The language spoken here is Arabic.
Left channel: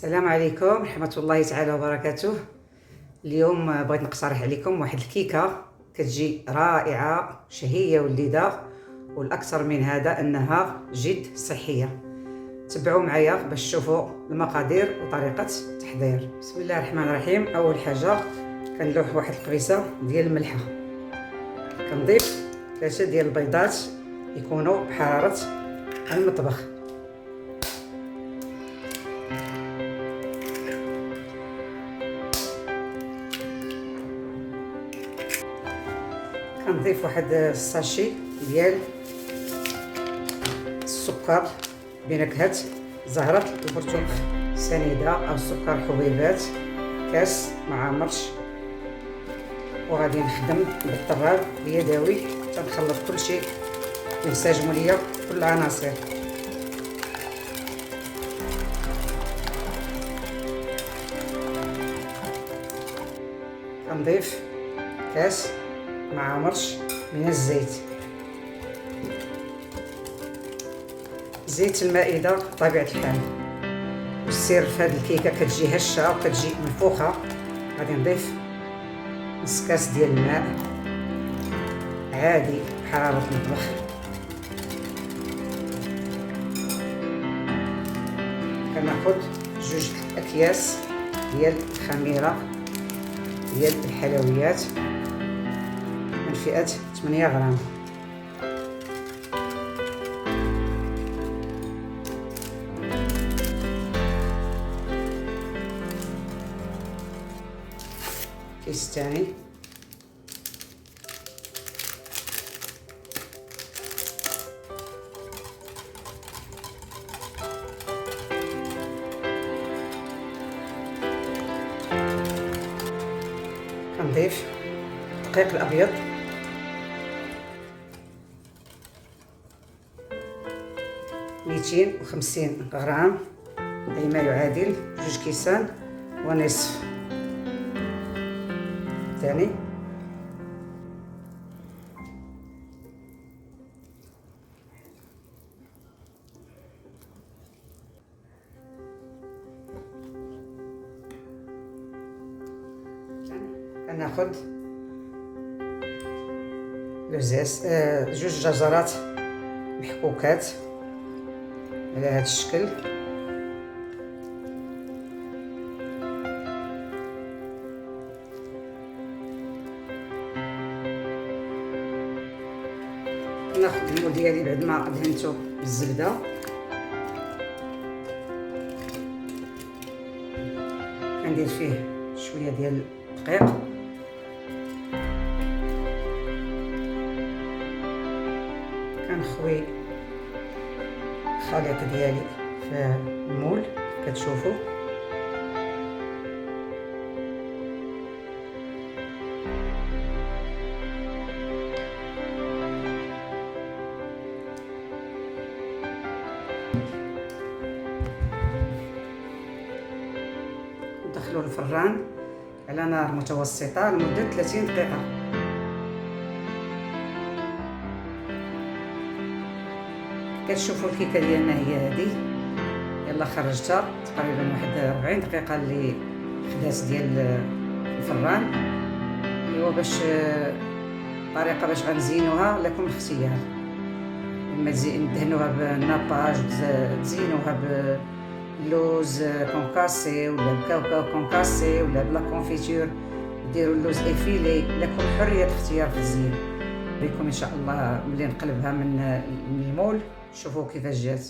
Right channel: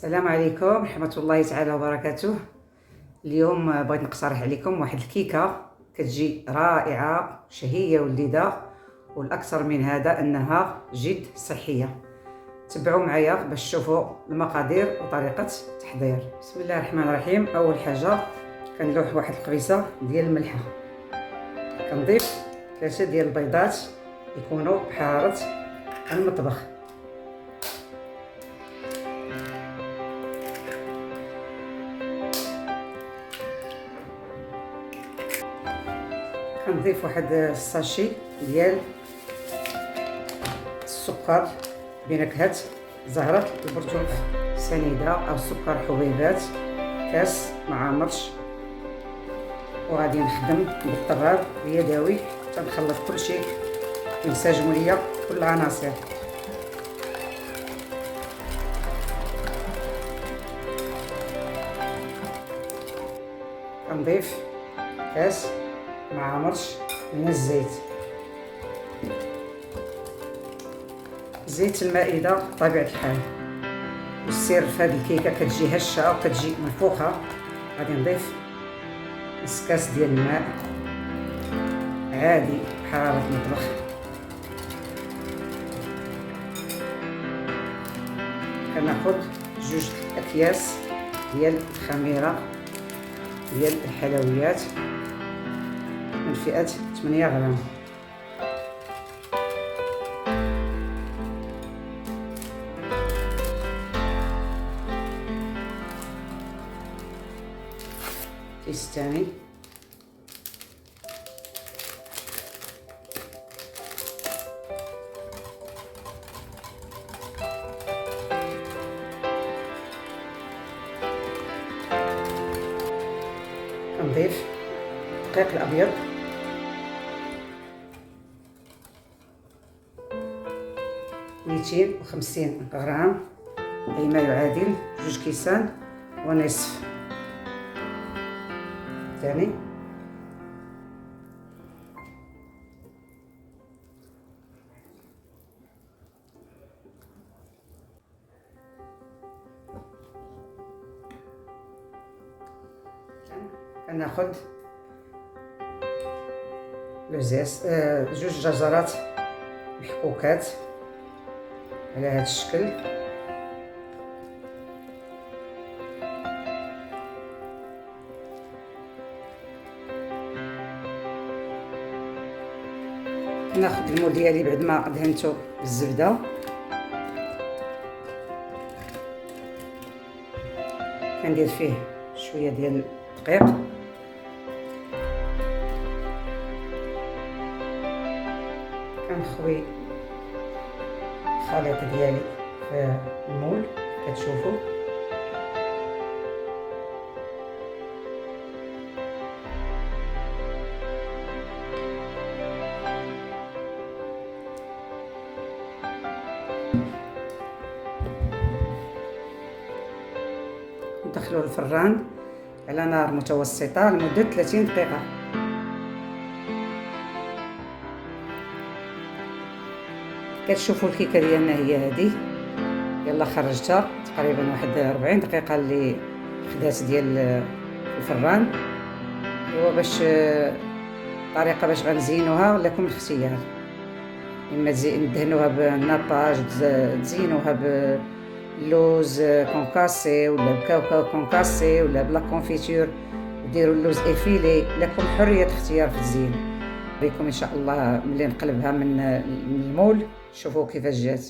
السلام عليكم ورحمة الله تعالى وبركاته. اليوم بغيت نقترح عليكم واحد الكيكة كتجي رائعة شهية ولذيذة، والأكثر من هذا أنها جد صحية. تبعوا معايا باش تشوفوا المقادير وطريقة التحضير. بسم الله الرحمن الرحيم. أول حاجة كنلوح واحد القبيصة ديال الملحة، كنضيف 3 ديال البيضات يكونوا بحرارة المطبخ، كنضيف واحد الساشي ديال السكر بنكهة زهرة البرتقال سنيدة أو سكر حبيبات، كاس مع مرش. وغادي نخدم بالطراب اليدوي حتى نخلط كل شيء وينسجموا ليا كل العناصر. كنضيف كاس مع مرش من الزيت. زيت المائدة بطبيعة الحال، والسر في هذه الكيكة كتجي هشة وكتجي منفوخة. غادي نضيف نص كاس ديال الماء عادي بحرارة المطبخ، كناخد 2 أكياس ديال الخميرة ديال الحلويات من فئة 8 غرام. كيس ثاني، كنضيف الدقيق الابيض، ميتين وخمسين غرام، أي ما يعادل 2 كيسان ونصف. ثاني كناخد 2 جزرات محكوكات على هذا الشكل. ناخذ المول ديالي بعد ما دهنته بالزبده، كندير فيه شويه ديال الدقيق، كنخوي الخليط ديالي في المول كتشوفوا. ندخلو الفران على نار متوسطه لمده 30 دقيقه. كتشوفوا الكيكه ديالنا هي هذه، يلا خرجتها تقريبا واحد 40 دقيقه اللي خدات ديال الفران. ايوا باش طريقه باش غنزينوها لكم الاختيار، اما ندهنوها بالناباج، تزينوها باللوز كونكاسي ولا بالكاوكاو كونكاسي ولا بلا كونفيتور، ديروا اللوز افيلي، لكم حريه الاختيار في التزيين. بكم ان شاء الله ملي نقلبها من المول شوفوا كيفاش جات.